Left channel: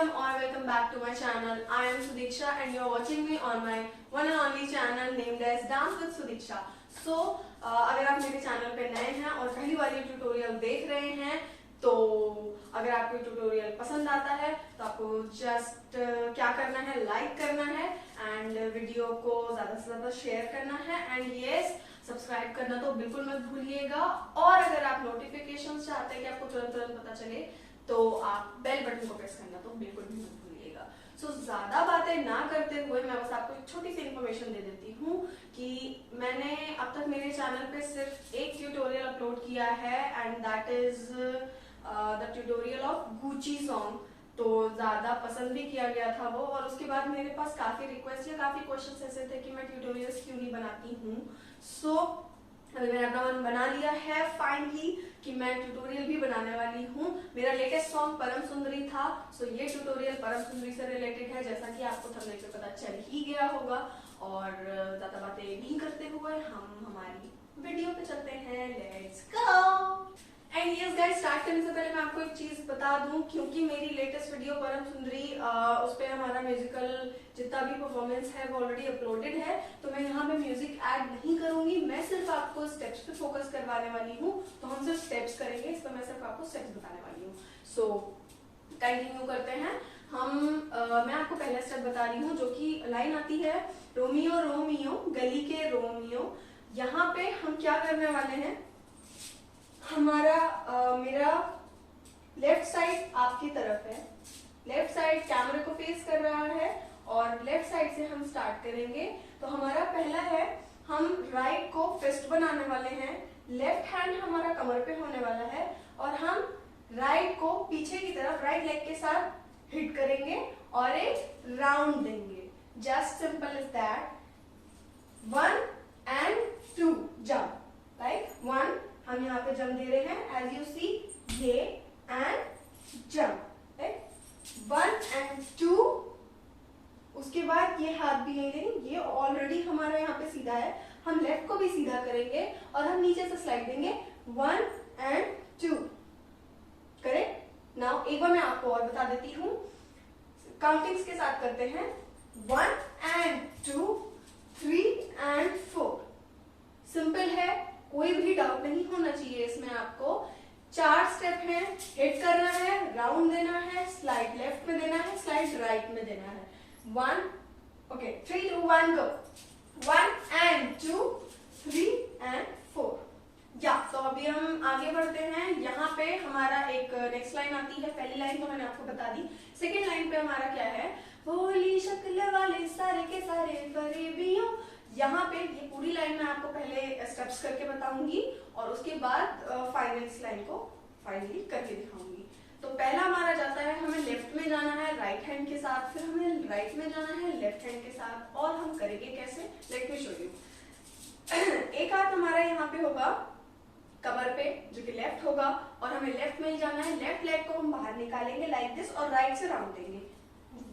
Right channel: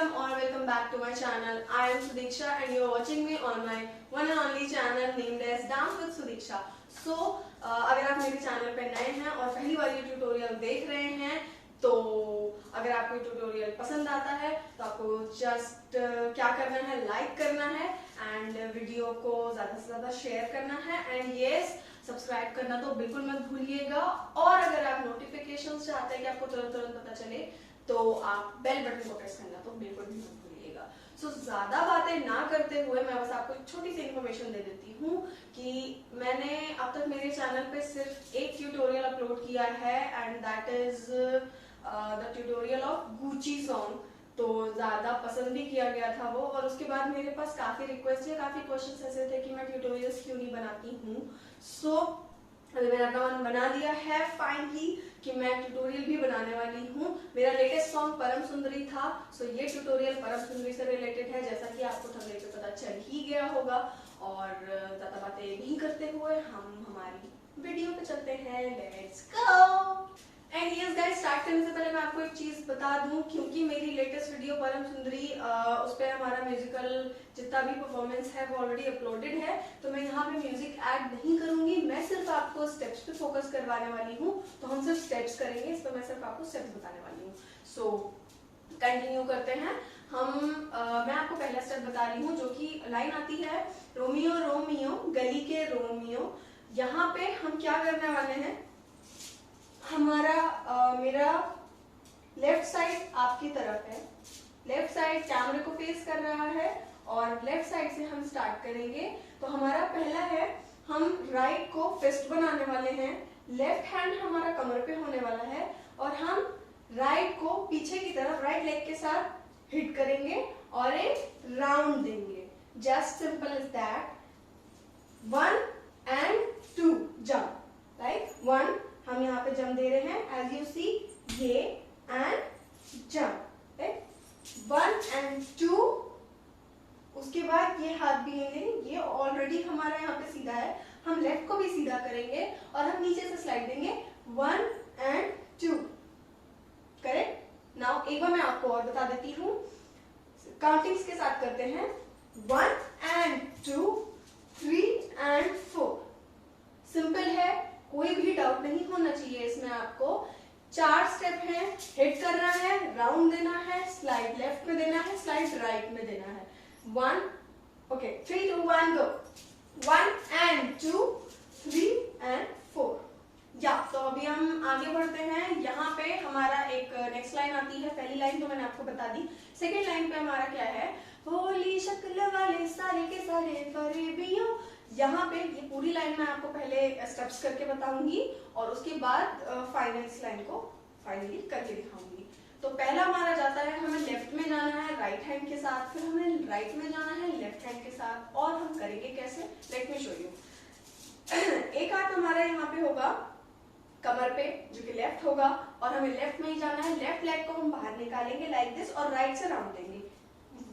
welcome or welcome back to my channel. I am Sudiksha and you are watching me on my one and only channel named as Dance with Sudiksha. So अगर आप मेरे channel पे नए हैं और पहली बार ये tutorial देख रहे हैं तो अगर आपको ट्यूटोरियल पसंद आता है तो आपको जस्ट क्या करना है, लाइक करना है एंड वीडियो को ज्यादा से ज्यादा शेयर करना है एंड यस सब्सक्राइब करना तो बिल्कुल मत भूलिएगा। और अगर आप नोटिफिकेशन चाहते हैं कि आपको तुरंत तुरंत पता चले तो आप बेल बटन को प्रेस करना तो बिल्कुल भी मत भूलिएगा। सो ज्यादा बातें ना करते हुए मैं बस आपको एक छोटी सी इन्फॉर्मेशन दे देती हूँ कि मैंने अब तक मेरे चैनल पे सिर्फ एक ट्यूटोरियल अपलोड किया है and that is the tutorial of Gucci song. तो ज्यादा पसंद भी किया गया था वो और उसके बाद मेरे पास काफी रिक्वेस्ट या काफी क्वेश्चंस ऐसे थे कि मैं ट्यूटोरियल्स क्यों नहीं बनाती हूँ। सो अभी मैंने अपना मन बना लिया है फाइनली कि मैं ट्यूटोरियल भी बनाने वाली हूँ। मेरा लेटेस्ट सॉन्ग परम सुंदरी था। सो ये ट्यूटोरियल परम सुंदरी से रिलेटेड है जैसा कि आपको थंबनेल पे पता चल ही गया होगा। और ज्यादा बातें नहीं करते हुए हम हमारी वीडियो पे चलते हैं। Let's go. And yes guys, start करने से पहले मैं आपको एक चीज बता दूं, क्योंकि मेरी लेटेस्ट वीडियो परम सुंदरी उस पर हमारा म्यूजिकल जितना भी परफॉर्मेंस है वो ऑलरेडी अपलोडेड है, तो मैं यहाँ पे म्यूजिक ऐड नहीं करूंगी। मैं सिर्फ आपको स्टेप्स पे फोकस करवाने वाली हूँ। तो हम सिर्फ स्टेप्स करेंगे, इस पर मैं सिर्फ आपको स्टेप्स बताने वाली हूँ। सो कंटिन्यू करते हैं मैं आपको पहला स्टेप बता रही हूँ जो कि लाइन आती है रोमियो रोमियो गली के रोमियो। यहाँ पे हम क्या करने वाले हैं, मेरा लेफ्ट साइड आपकी तरफ है, लेफ्ट साइड कैमरे को फेस कर रहा है और लेफ्ट साइड से हम स्टार्ट करेंगे। तो हमारा पहला है, हम राइट को फिस्ट बनाने वाले हैं, लेफ्ट हैंड हमारा कमर पे होने वाला है और हम राइट को पीछे की तरफ राइट लेग के साथ हिट करेंगे और एक राउंड देंगे। Just simple is that. 1 and 2 jump, right. 1 हम यहाँ पे जंप दे रहे हैं एज यू सी, ये एंड जंप, राइट। 1 and 2। उसके बाद ये हाथ भी नहीं देंगे, ये ऑलरेडी हमारा यहाँ पे सीधा है। हम लेफ्ट को भी सीधा करेंगे और हम नीचे से स्लाइड देंगे। 1 and 2, करेक्ट। नाउ एक बार मैं आपको और बता देती हूँ, काउंटिंग्स के साथ करते हैं। 1 and 2, 3 and 4। सिंपल है, कोई भी डाउट नहीं होना चाहिए इसमें आपको। 4 स्टेप है, हिट करना है, राउंड देना है, स्लाइड लेफ्ट में देना है, स्लाइड राइट में देना है। 1, ओके, 3, 2, 1 गो। 1 and 2, 3 and 4। या तो अभी हम आगे बढ़ते हैं। यहाँ पे हमारा एक नेक्स्ट लाइन आती है। पहली लाइन तो मैंने आपको बता दी। सेकेंड लाइन पे हमारा क्या है, भोली शक्ल वाले सारे के सारे फरेबियों। यहाँ पे ये पूरी लाइन मैं आपको पहले स्टेप्स करके बताऊंगी और उसके बाद फाइनल इस लाइन को फाइनली करके दिखाऊंगी। तो पहला हमारा जाता है, हमें लेफ्ट में जाना है राइट हैंड के साथ, फिर हमें राइट में जाना है लेफ्ट हैंड के साथ। और हम करेंगे कैसे, लेट मी शो यू। एक हाथ हमारा यहाँ पे होगा कमर पे जो कि लेफ्ट होगा और हमें लेफ्ट में ही जाना है। लेफ्ट लेग को हम बाहर निकालेंगे लाइक दिस और राइट से राउंड देंगे।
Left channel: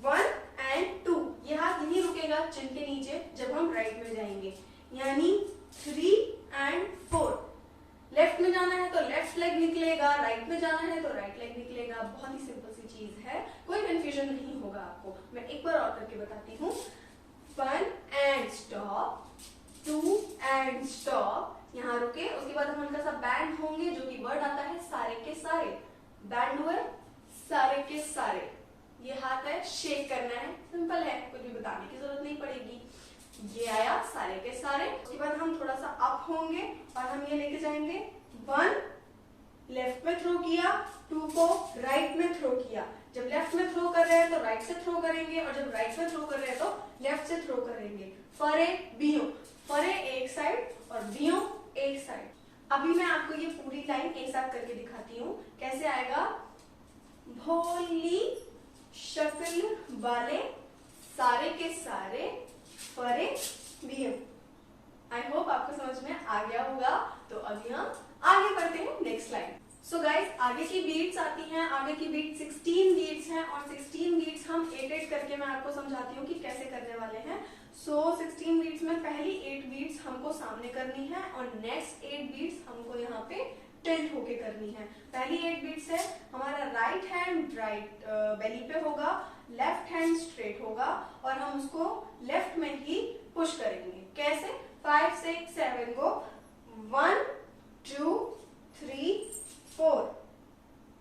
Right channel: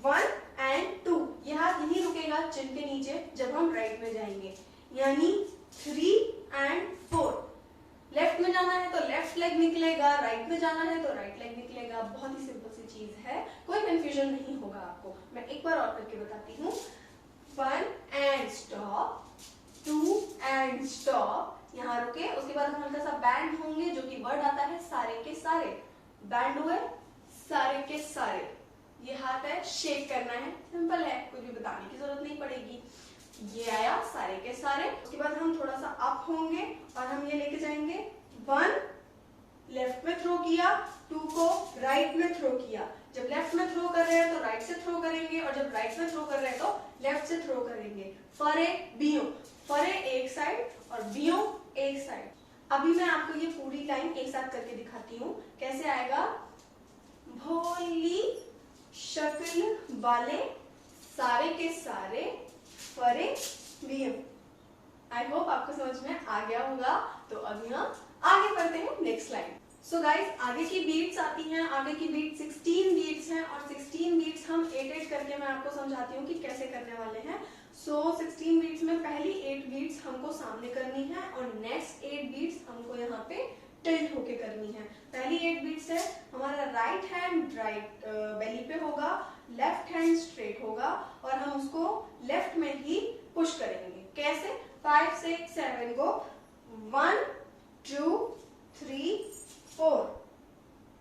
1 and 2, ये हाथ यही रुकेगा चिन के नीचे जब हम राइट में जाएंगे, यानी 3 and 4। लेफ्ट में जाना है तो लेफ्ट लेग निकलेगा, राइट में जाना है तो राइट लेग निकलेगा। बहुत ही सिंपल सी चीज है, कोई कंफ्यूजन नहीं होगा आपको। मैं एक बार और करके बताती हूँ। 1 and stop, 2 and stop, यहाँ रुके। उसके बाद हम हल्का सा बैंड होंगे जो कि वर्ड आता है सारे के सारे। बैंड हुए सारे के सारे। ये हाथ है, शेक करना है, सिंपल है, कुछ भी बताने की जरूरत नहीं पड़ेगी। ये आया सारे के सारे। उसके बाद हम थोड़ा सा अप होंगे और हम ये लेके जाएंगे। 1 लेफ्ट में थ्रो किया, 2 को राइट में थ्रो किया। जब लेफ्ट में थ्रो कर रहे हैं तो राइट से थ्रो करेंगे और जब राइट में थ्रो कर रहे हैं तो लेफ्ट से थ्रो करेंगे। फरे बियो, फरे एक साइड और बियो एक साइड। अभी मैं आपको ये पूरी लाइन एक साथ करके दिखाती हूँ कैसे आएगा। भोली शक्ल वाले सारे के सारे फरे बियो। आई होप आपको समझ में आ गया होगा। तो अभी हम आगे बढ़ते हैं नेक्स्ट लाइन। सो गाइस, आगे की बीट्स आती हैं। आगे की बीट 16 बीट्स हैं और 16 बीट्स हम 8 करके मैं आपको समझाती हूँ कि कैसे करने वाले हैं। सो 16 बीट्स में पहली 8 बीट्स हमको सामने करनी है और नेक्स्ट 8 बीट्स हमको यहाँ पे टिल्ट होके करनी है। पहली 8 बीट्स है, हमारा राइट हैंड राइट बेली पे होगा, लेफ्ट हैंड स्ट्रेट होगा और हम उसको लेफ्ट में ही पुश करेंगे। कैसे? 5 6 7 गो, 1 2 3 4,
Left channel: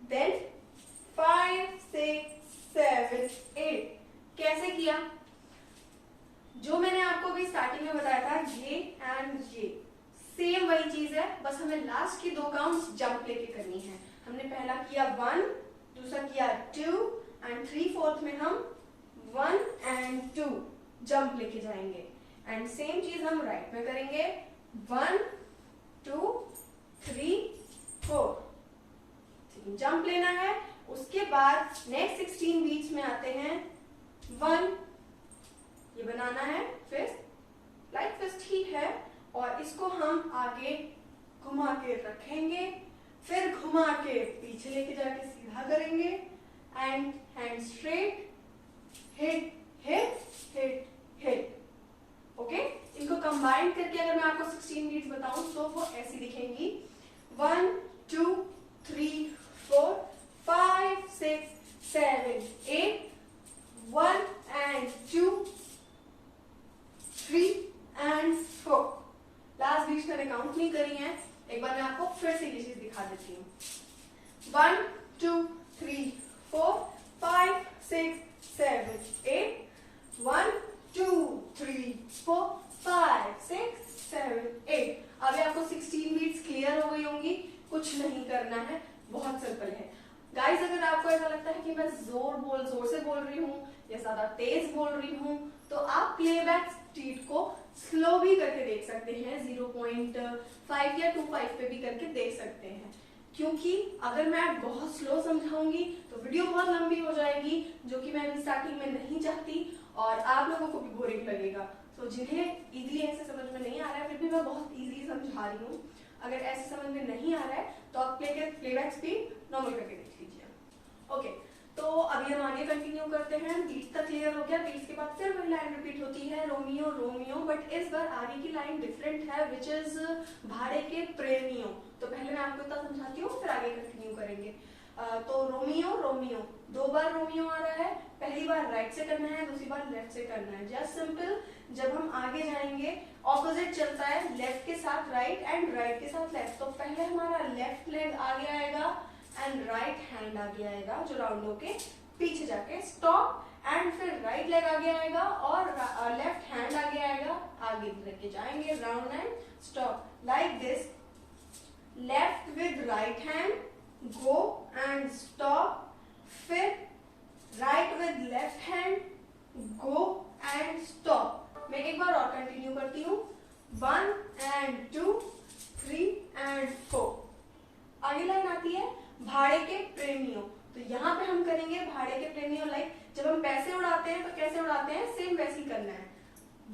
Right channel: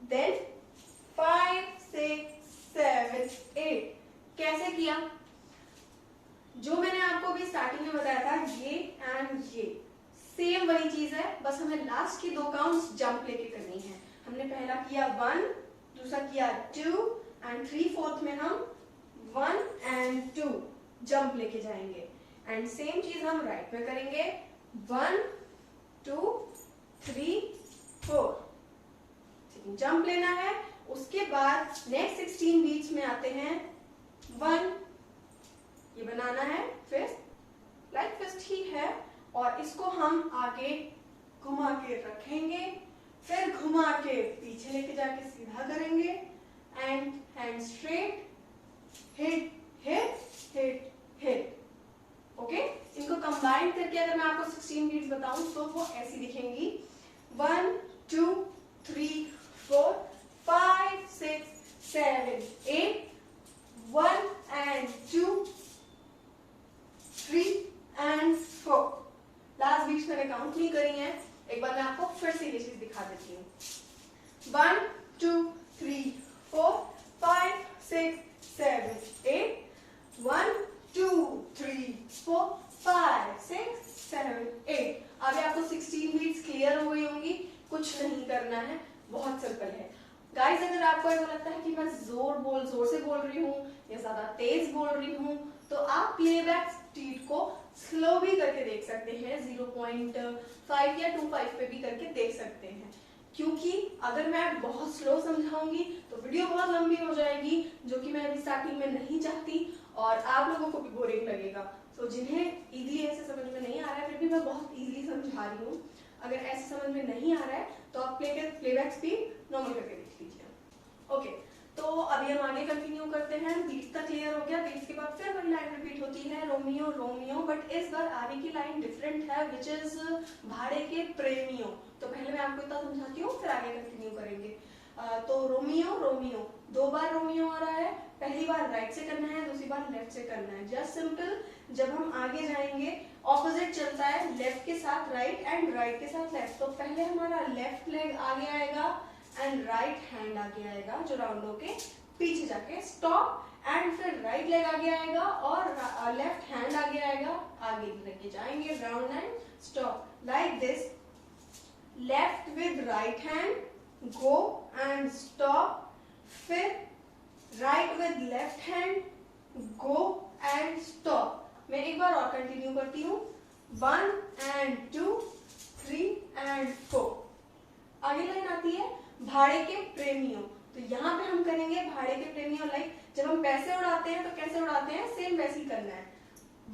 देन 5 6 7 8। कैसे किया? जो मैंने आपको अभी स्टार्टिंग में बताया था, ये एंड ये सेम वही चीज है, बस हमें लास्ट की 2 काउंट्स जंप लेके करनी है। हमने पहला किया 1, दूसरा किया 2 एंड 3/4 में हम 1 एंड 2 जंप लेके जाएंगे। एंड सेम चीज हम राइट में करेंगे, 1 2 3 4 जंप लेना है। उसके बाद नेक्स्ट 16 बीट्स में आते हैं 1, ये बनाना है फिस्ट, लाइक फिस्ट ही है, और इसको हम आगे घुमा के रखेंगे, फिर घुमा के पीछे लेके जाके सीधा करेंगे and hand straight, hit hit hit hit. Okay, इनको कंबाइन करके अगर मैं आपको 16 बीट्स बताऊं तो वो ऐसी दिखेंगी, 1 2 3 4 5 6 7 8, 1 and 2 3 and 4। लास्ट बीच मैंने काउंट नहीं करी है, एक बार मैं आपको फिर से ये चीज दिखा देती हूँ। 1 2 3 4 5 6 7 8, 1 2 3 4 5 6 7 8। अभी आपको 16 बीट्स क्लियर हो गई होंगी, कुछ नहीं करना है, बहुत सिंपल है। गाइस, अगर आपको ऐसा लगता है कि मैं जोर से बोल रही हूँ या ज्यादा तेज बोल रही हूँ, तो आप प्लेबैक स्पीड को स्लो भी करके देख सकते हैं, 0.5 या 2.5 पे भी करके देख सकते हैं। क्योंकि अगर मैं बहुत स्लो समझाऊंगी तो वीडियो बहुत लंबी हो जाएगी, जो कि मैं अभी स्टार्टिंग में नहीं चाहती, और आप लोगों को भी बोरिंग लगेगा। तो जिन्हें इजीली ऐसे समझ में नहीं आ रहा है, फिर भी मैं बहुत इजीली समझा रही हूँ, अगर ऐसे समझ में नहीं आ रहा है तो आप प्लेबैक स्पीड नॉर्मल करके देख लीजिए। ओके, तो अभी हम आगे कंटिन्यू करते हैं। बीट्स तक क्लियर हो गया, बीट्स के बाद फिर वही लाइन रिपीट होती है, रोमियो रोमियो, बट इस बार आगे की लाइन डिफरेंट है, विच इज भाड़े के प्रेमियों। तो पहले मैं आपको इतना समझाती हूँ, फिर आगे कंटिन्यू करेंगे। तो रोमियो रोमियो, 2 बार रोमियो आ रहा है, पहली बार राइट से करना है, दूसरी बार लेफ्ट से करना है। जस्ट सिंपल, जब हम आगे जाएंगे ऑपोजिट चलता है, लेफ्ट के साथ राइट एंड राइट के साथ लेफ्ट। तो पहले हमारा लेफ्ट लेग आगे आएगा एंड राइट हैंड आगे आएगा, जो राउंड होके पीछे जाके स्टॉप, एंड फिर राइट लेग आगे आएगा और लेफ्ट हैंड आगे आएगा, आगे लेके जाएंगे round and stop, like this. Left with right hand go and stop, फिर right with left hand go and stop. मैं एक बार और कंटिन्यू करती हूँ, 1 and 2 3 and 4। आगे लाइन आती है भाड़े के प्रेमियों। तो यहाँ पे हम करेंगे भाड़े के प्रेमियों, लाइक जब हम पैसे उड़ाते हैं तो कैसे उड़ाते हैं, सेम वैसे ही करना है।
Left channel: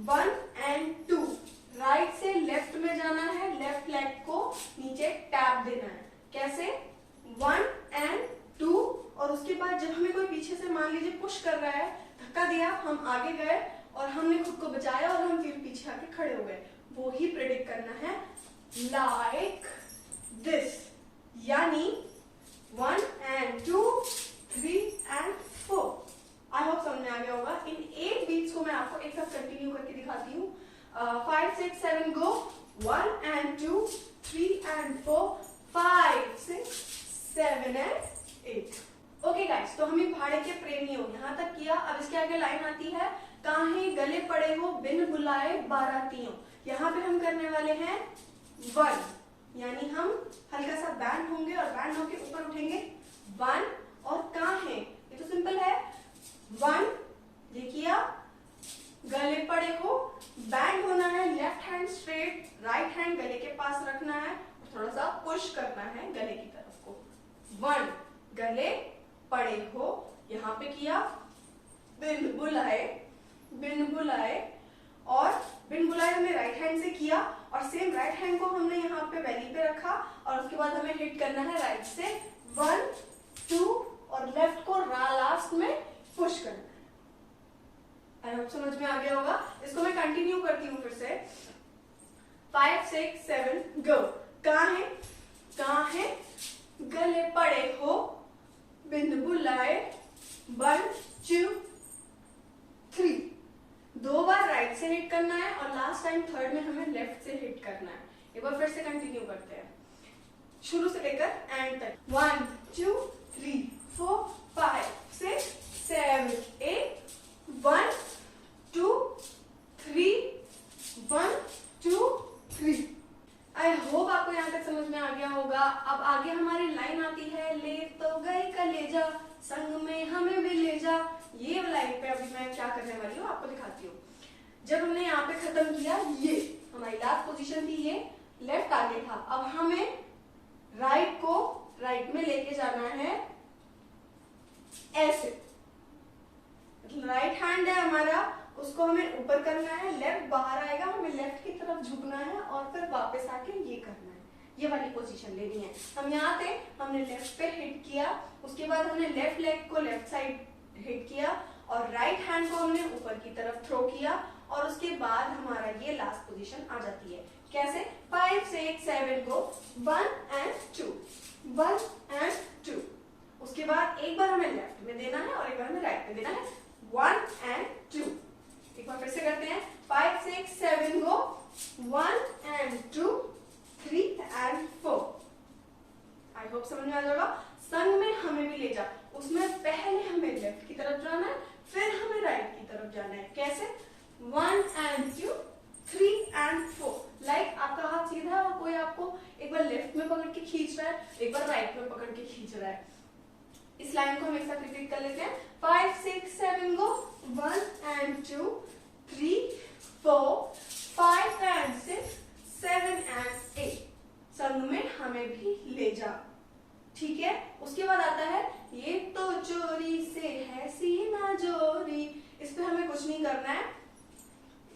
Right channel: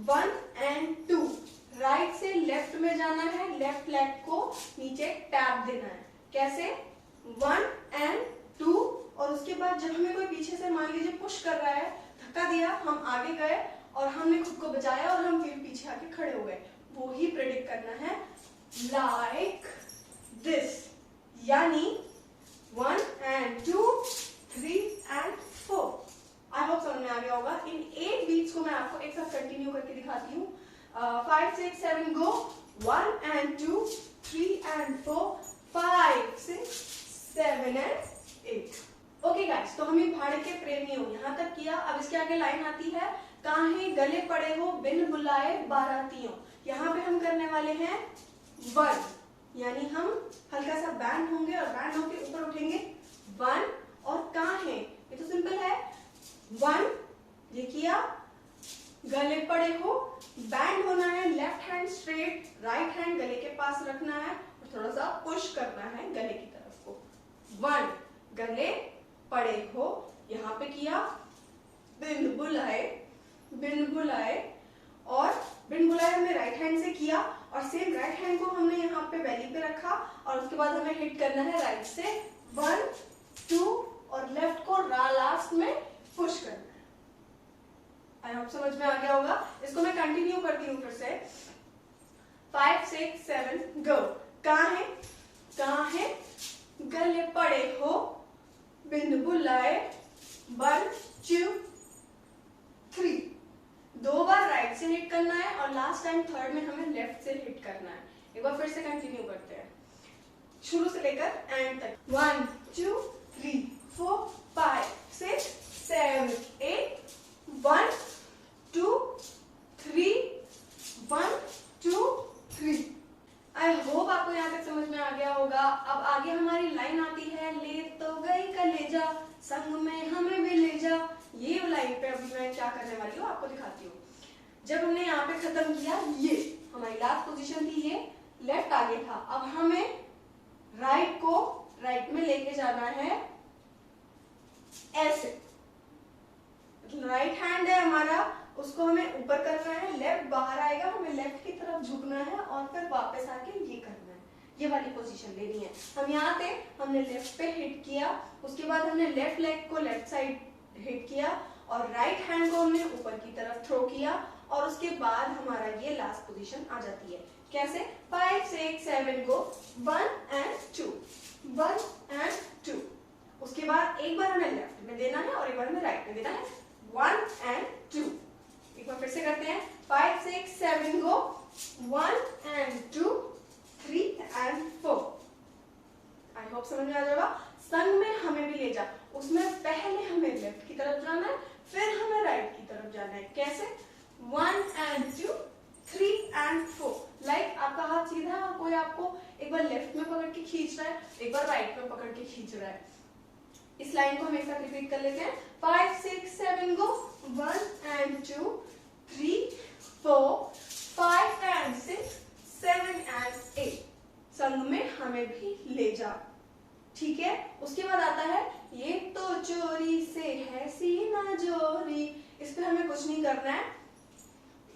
1 and 2, राइट से लेफ्ट में जाना है, लेफ्ट लेग को नीचे टैप देना है। कैसे? 1 and 2, और उसके बाद जब हमें कोई पीछे से मान लीजिए पुश कर रहा है, धक्का दिया, हम आगे गए और हमने खुद को बचाया और हम फिर पीछे आके खड़े हो गए, वो ही प्रेडिक्ट करना है, लाइक दिस। यानी 1 and 2 3 and 4। आई होप समझ में आ गया होगा। इन 8 बीट्स को मैं आपको एक साथ कंटिन्यू करके दिखाती हूँ। 5 6 7 गो, 1 and 2 3 and 4 5 6 7 and 8। Okay guys, तो हमें भाड़े के प्रेमियों यहाँ तक किया। अब इसके आगे लाइन आती है, काहे गले पड़े हो बिन बुलाए बारातियों। यहाँ पे हम करने वाले हैं 1, यानी हम हल्का सा बैंड होंगे और बैंड होके ऊपर उठेंगे 1, और काहे, ये तो सिंपल है, 1 ये किया, गले पड़े हो, बैंड होना है, left hand straight, right hand गले के पास रखना है और थोड़ा सा पुश करना है गले की तरफ को। 1 गले पड़े हो, यहाँ पे किया, बिन बुलाए, और बिन बुलाए हमने राइट हैंड से किया, और सेम राइट हैंड को हमने यहाँ पे बेली पे रखा, और उसके बाद हमें हिट करना है राइट से 1 2, और लेफ्ट को लास्ट में पुश करना है। आई होप समझ में आ गया होगा। इसको मैं कंटिन्यू करती हूँ फिर से। 5 6 7 गो। काहे कहाँ है, गले पड़े हो बिन बुलाए, 1 2 3। 2 बार राइट से हिट करना है और लास्ट टाइम थर्ड में हमें लेफ्ट से हिट करना है। एक बार फिर से कंटिन्यू करते हैं, शुरू से लेकर एंड तक। 1 2 3 4 5 6 7 8 1 2 3 1 2 3। आई होप आपको यहाँ तक समझ में आ गया होगा। अब आगे हमारी लाइन आती है, ले तो गई कलेजा संग में हमें भी ले जा। ये लाइन पे अभी मैं क्या करने वाली हूँ आपको दिखाती हूँ। जब हमने यहाँ पे खत्म किया, ये हमारी लास्ट पोजीशन थी, ये लेफ्ट आगे था। अब हमें राइट को राइट में लेके जाना है ऐसे, राइट हैंड है हमारा, उसको हमें ऊपर करना है, लेफ्ट बाहर आएगा, हमें लेफ्ट की तरफ झुकना है और फिर वापस आके ये करना है। ये वाली पोजीशन लेनी है। हम यहाँ थे, हमने लेफ्ट पे हिट किया, उसके बाद हमने लेफ्ट लेग को लेफ्ट साइड हिट किया और राइट हैंड को हमने ऊपर की तरफ थ्रो किया और उसके बाद हमारा ये लास्ट पोजीशन आ जाती है। कैसे? 5 6 7 को 1 and 2 1 and 2। उसके बाद एक बार हमें लेफ्ट में देना है और एक बार हमें राइट में देना है, 1 and 2। एक बार फिर से करते हैं, 5 6 7 को 1 and 2 3 and 4। आई होप समझ में आ जाएगा। संग में हमें भी ले जा, उसमें पहले हमें लेफ्ट की तरफ जाना है, फिर हमें राइट की तरफ जाना है। कैसे? 1 and 2 3 and 4। लाइक आपका हाथ सीधा है, कोई आपको एक बार लेफ्ट में पकड़ के खींच रहा है, एक बार राइट में पकड़ के खींच रहा है। इस लाइन को हम एक साथ रिपीट कर लेते हैं, 5 6 7 को 1 and 2 3 4 5 and 6 7 and 8। संग में हमें भी ले जा। ठीक है। उसके बाद आता है, ये तो चोरी से है सीना जोरी। इस पे हमें कुछ नहीं करना है,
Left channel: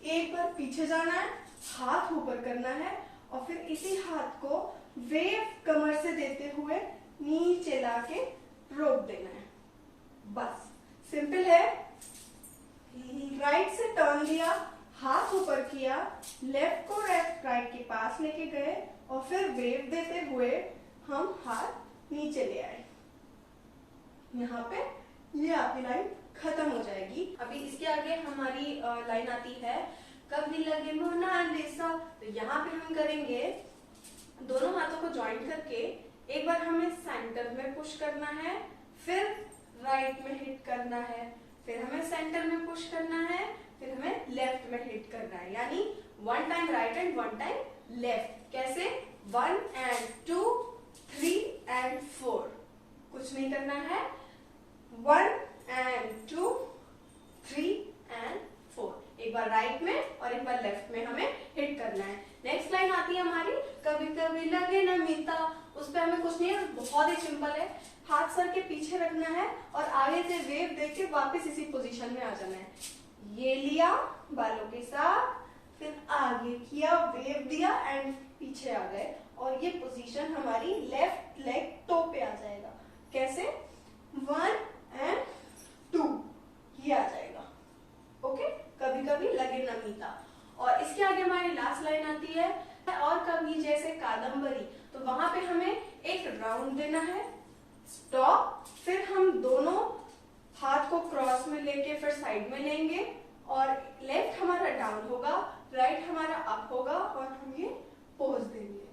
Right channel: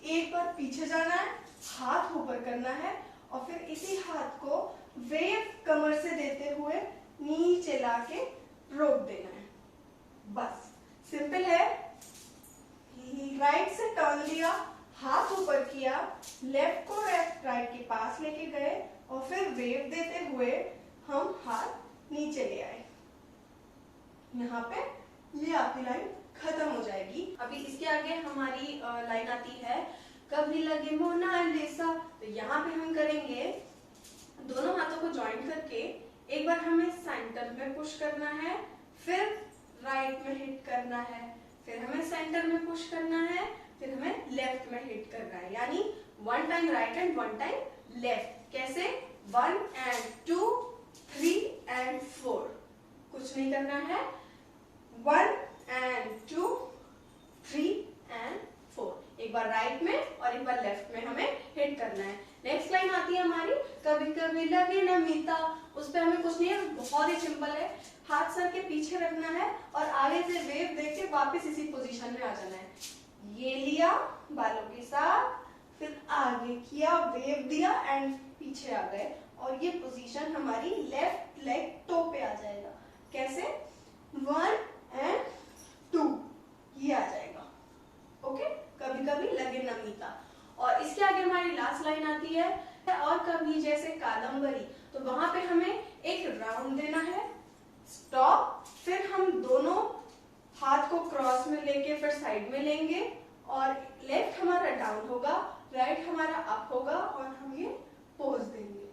एक बार पीछे जाना है, हाथ ऊपर करना है और फिर इसी हाथ को वेव कमर से देते हुए नीचे लाके रोक देना है। बस सिंपल है। राइट से टर्न लिया, हाथ ऊपर किया, लेफ्ट को राइट के पास लेके गए और फिर वेव देते हुए हम हाथ नीचे ले आए। यहाँ पे ये आपकी लाइन खत्म हो जाएगी। अभी इसके आगे हमारी लाइन आती है, कभी लगे मोनालिसा। तो यहाँ पे हम करेंगे, दोनों हाथों को ज्वाइंट करके एक बार हमें सेंटर में पुश करना है, फिर राइट में हिट करना है, फिर हमें सेंटर में पुश करना है, फिर हमें लेफ्ट में हिट करना है। यानी 1 time right and 1 time left. कैसे? 1 and 2 3 and 4। कुछ नहीं करना है, 1 and 2 3 and 4। एक बार राइट में और एक बार लेफ्ट में हमें हिट करना है। नेक्स्ट लाइन आती है हमारी, कभी कभी लगे न मीता। उस पर हमें कुछ नहीं है, बहुत ही सिंपल है। हाथ सर के पीछे रखना है और आगे से वेव देके वापस इसी पोजीशन में आ जाना है। ये लिया बालों के साथ, फिर आगे किया, वेव दिया एंड पीछे आ गए और ये पोजीशन हमारी लेफ्ट लेग टो पे आ जाएगा। कैसे? 1 and 2 ये आ जाएगा। ओके, कभी कभी लगे नमीता। और इसके आगे हमारी लास्ट लाइन आती है, और कभी जैसे कादम्बरी। तो वहां पे हमें एक राउंड देना है, स्टॉप, फिर हम दोनों हाथ को क्रॉस में लेके फिर साइड में लेंगे और लेफ्ट हमारा डाउन होगा, राइट हमारा अप होगा और हम ये पोज देंगे।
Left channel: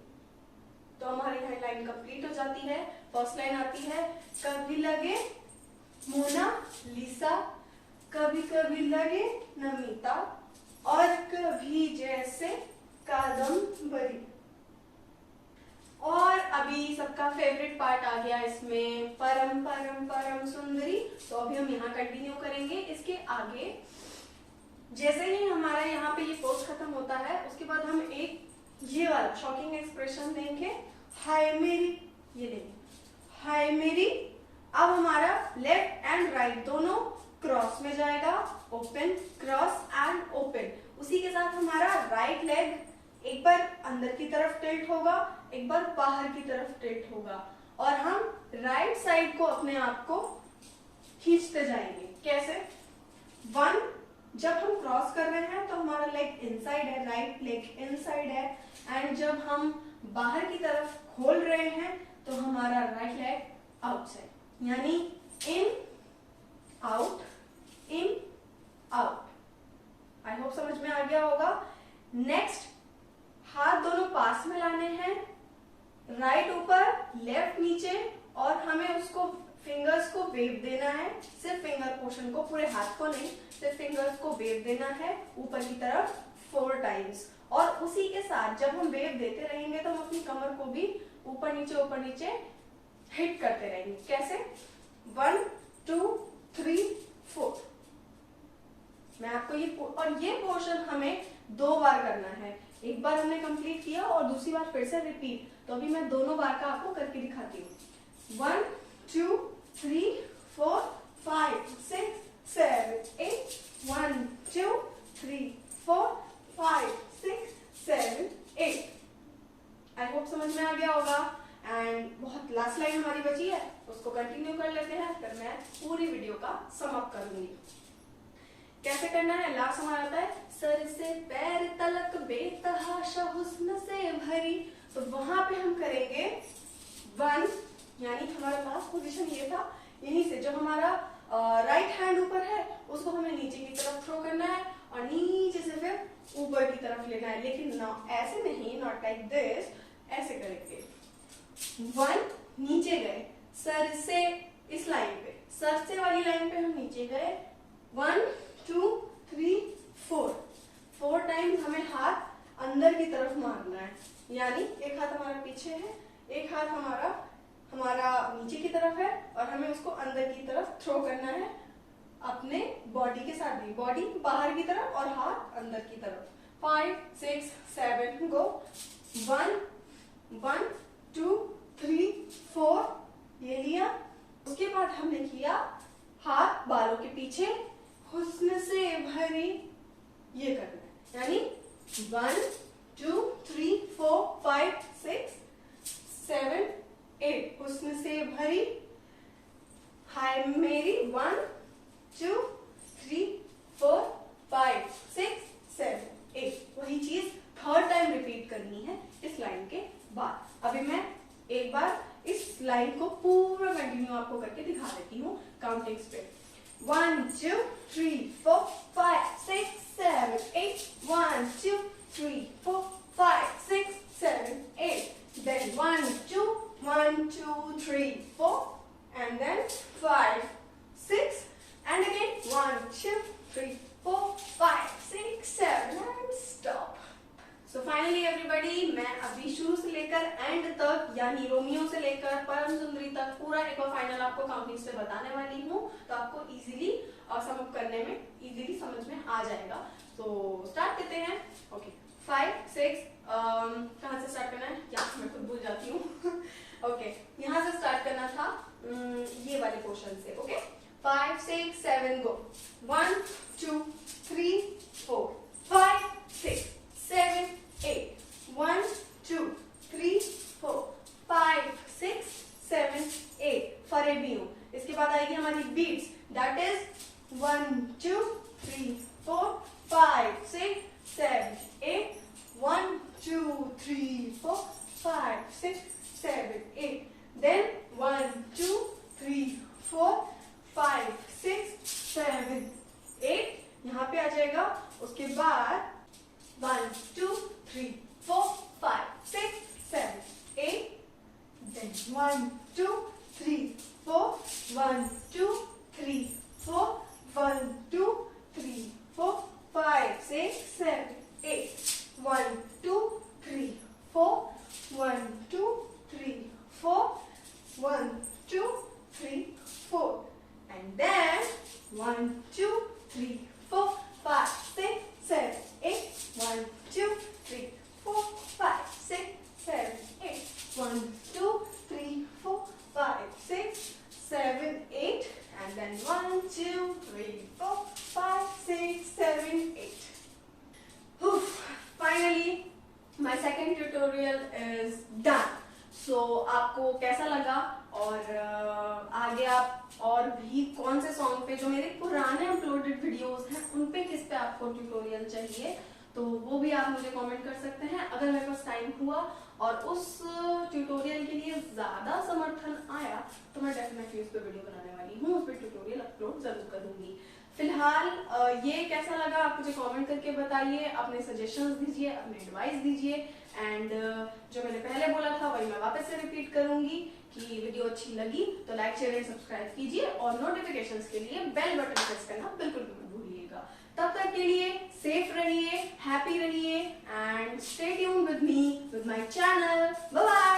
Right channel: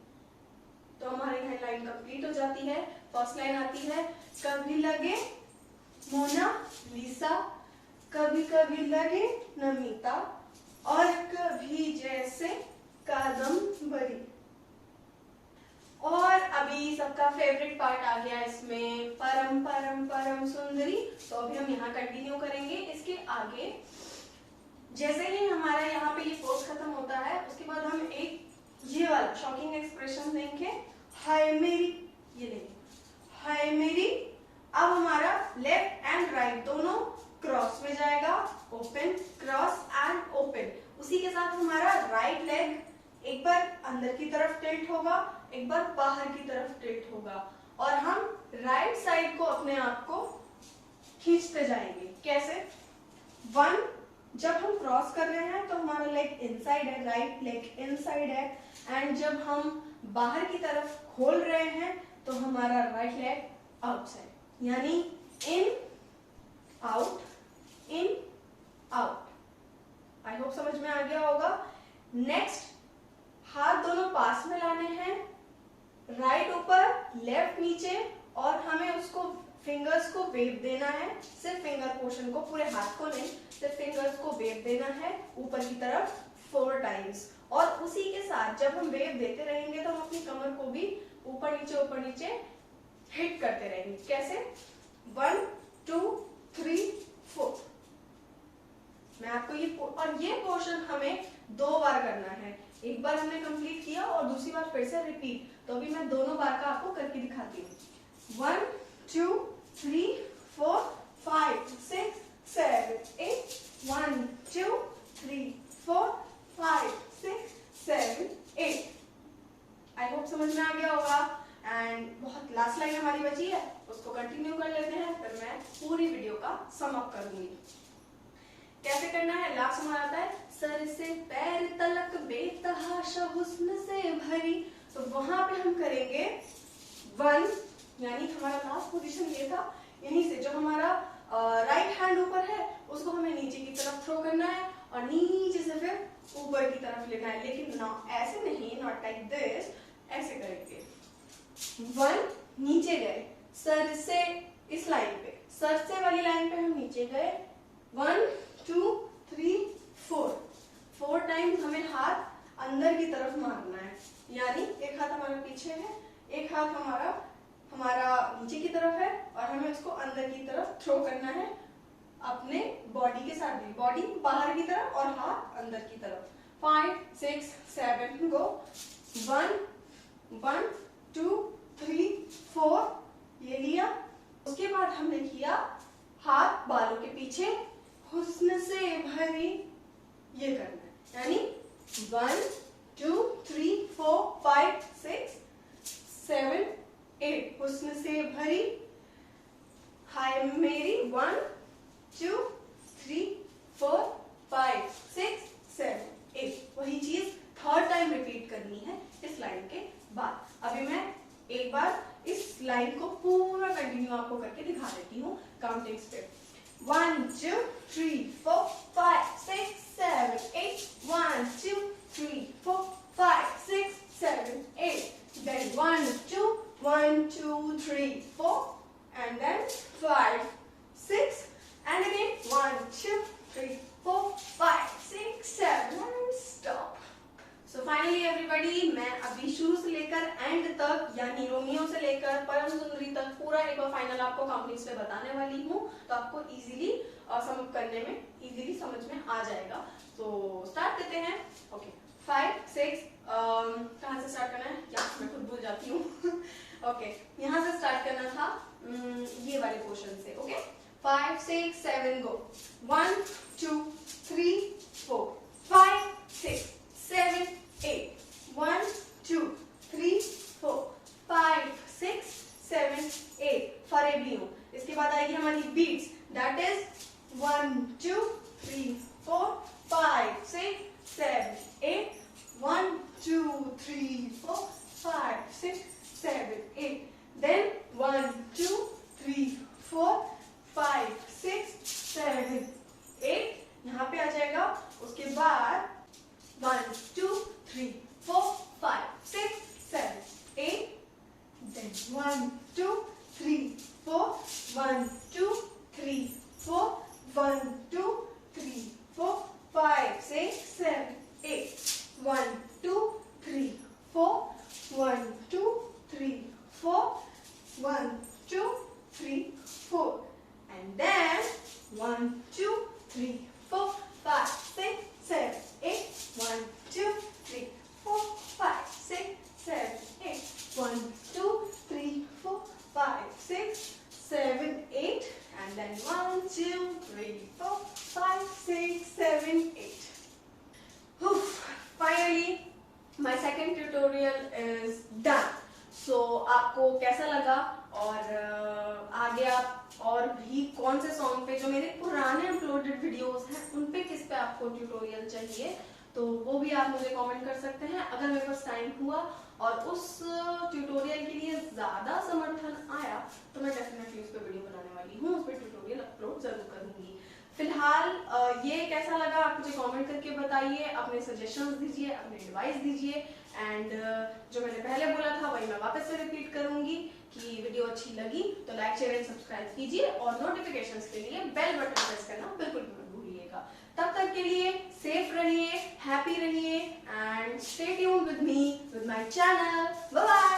तो हमारी यहाँ लाइन कंप्लीट हो जाती है। फर्स्ट लाइन आती है, कभी लगे मोना लिसा, कभी कभी लगे नमिता, और कभी जैसे कादम्बरी। और अभी सबका फेवरेट पार्ट आ गया इसमें, परम परम परम सुंदरी। तो अभी हम यहाँ कंटिन्यू करेंगे। इसके आगे जैसे ही हमारा यहाँ पे ये पोज खत्म होता है, उसके बाद हम एक ये वाला शॉकिंग एक्सप्रेशन देंगे, हाय मेरी, ये लेंगे, हाय मेरी। अब हमारा लेफ्ट एंड राइट दोनों क्रॉस में जाएगा, ओपन क्रॉस एंड ओपन। उसी के साथ हमारा राइट लेग एक बार अंदर की तरफ टिल्ट होगा, एक बार बाहर की तरफ टिल्ट होगा और हम राइट साइड को अपने आप को खींचते जाएंगे। कैसे? 1, जब हम क्रॉस कर रहे हैं तो हमारा लेग इनसाइड है, राइट लेग इनसाइड है, एंड जब हम बाहर की तरफ खोल रहे हैं तो हमारा राइट लेग आउटसाइड, यानी in out in out. I hope समझ में आ गया होगा। नेक्स्ट, हाथ दोनों पास में लाने हैं, राइट ऊपर लेफ्ट नीचे, और हमें उसको फिंगर्स को वेव देना है। सिर्फ फिंगर पोर्शन को, पूरे हाथ को नहीं, सिर्फ फिंगर्स को वेव देना है ऊपर की तरफ 4 टाइम्स। और उसी के साथ जब हम वेव देते रहेंगे तो हम अपनी कमर को भी ऊपर नीचे हिट करते रहेंगे। कैसे? 1 2 3 4। मैं आपको ये पोर्शन हमें 2 बार करना है। एक बार हमने कंप्लीट किया और दूसरी बार फिर से रिपीट। तो अभी मैं दोनों बार का आपको करके दिखाती हूँ। 1 2 3 4 5 6 7 8 1 2 3 4 5 6 7 8। आई होप समझ में आ गया होगा। एंड बहुत लास्ट लाइन हमारी बची है, उसको कंटिन्यू कर लेते हैं, फिर मैं पूरी वीडियो का सम अप कर दूंगी। कैसे करना है? लास्ट हमारा आता है सर से पैर तलक बेतहाशा हुस्न से भरी। तो वहां पे हम करेंगे 1, यानी हमारा लास्ट पोजीशन ये था। यहीं से जो हमारा राइट हैंड ऊपर है उसको हमें नीचे की तरफ थ्रो करना है और नीचे से फिर ऊपर की तरफ लेना है, लेकिन ऐसे नहीं, नॉट लाइक दिस, ऐसे करेंगे। 1 नीचे गए, सर से इस लाइन पे, सर से वाली लाइन पे हम नीचे गए। 1 2 3 4 टाइम्स हमें हाथ अंदर की तरफ मारना है, यानी एक हाथ हमारा पीछे है, एक हाथ हमारा नीचे की तरफ है, और हमें उसको अंदर की तरफ थ्रो करना है अपने बॉडी के साथ भी। बॉडी बाहर की तरफ और हाथ अंदर की तरफ। 5 6 7 गो। 1 1 2 3 4, ये लिया। उसके बाद हमने किया हाथ बालों के पीछे हुस्न से भरी, ये करना है, यानी 1 2 3 4 5 6 7 8 हुस्न से भरी। हाय मेरी 1 2 3 4 5 6 7 8। वही चीज 3rd टाइम रिपीट करनी है इस लाइन के बाद। अभी मैं एक बार इस लाइन को पूरा कंटिन्यू आपको करके दिखा देती हूँ काउंटिंग्स पे। 1 2 3 4 5 6 7 8 1 2 3 4 5 6 7 8, then 1 2 1 2 3 4, and then 5 6, and again 1 2 3 4 5 6 7 and stop. So finally everybody, मैं अभी शुरू से लेकर एंड तक, यानी रोमियो से लेकर परम सुंदरी तक पूरा एक और फाइनल आपको काउंटिंग्स पे बताने वाली हूँ, तो आपको इजीली सम अप करने में इजीली समझ में आ जाएगा। तो स्टार्ट करते हैं। ओके 5 6, कहाँ से स्टार्ट करना है क्या मैं खुद भूल जाती हूँ। ओके यहाँ से स्टार्ट करना था, ये वाले पोर्शन से। ओके 5 6 7 गो। 1 2 3 4 5 6 7 8 1 2 3 4 5 6 7 8 फरेबी हूँ। इसके बाद आएगी हमारी बीट्स, दैट इज 1 2 3 4 5 6 7 8 1 2 3 4 5 6 7 8, then 1 2 3 4 5 6 7 8 यहाँ पे आ जाएगा। उसके बाद 1 2 3 4 5 6 7 8, then 1 2 3 4 1 2 3 4 1 2 3 4 5 6 7 8 1 2 3 4 1 2 3 4 1 2 3 4, and then 1 2 3 4 5 6 7 8 1 2 3 4 5 6 7 8 1 2 3 4 5 6 7 8, and then 1 2 3 4 5 6 7 8. Finally my second tutorial is done. So आपको कैसा लगा, और आगे आप और भी कौन से सॉन्ग पे, जो मेरे पुराने अपलोडेड वीडियोस हैं उन पे किस पे आपको ट्यूटोरियल चाहिए, तो वो भी आप मुझे कमेंट कर सकते हैं। अगर मेरे पास टाइम हुआ और उस ट्यूटोरियल के लिए ज्यादा समर्थन आया तो मैं डेफिनेटली उस पर वीडियो बनाने वाली हूँ, उस पर ट्यूटोरियल अपलोड जरूर करूंगी। फिलहाल ये कैसा लगा आप मुझे कमेंट करके बताइए, अपने सजेशंस दीजिए, अपने एडवाइस दीजिए। एंड जो मैंने पहले बोला था वही मैं वापस से रिपीट करूंगी कि वीडियो अच्छी लगी तो लाइक शेयर एंड सब्सक्राइब कीजिए और नोटिफिकेशंस के लिए बेल बटन प्रेस करना बिल्कुल भी मत भूलिएगा। तब तक के लिए सेफ रहिए, हैप्पी रहिए and stay tuned with me, with my channel. Bye bye.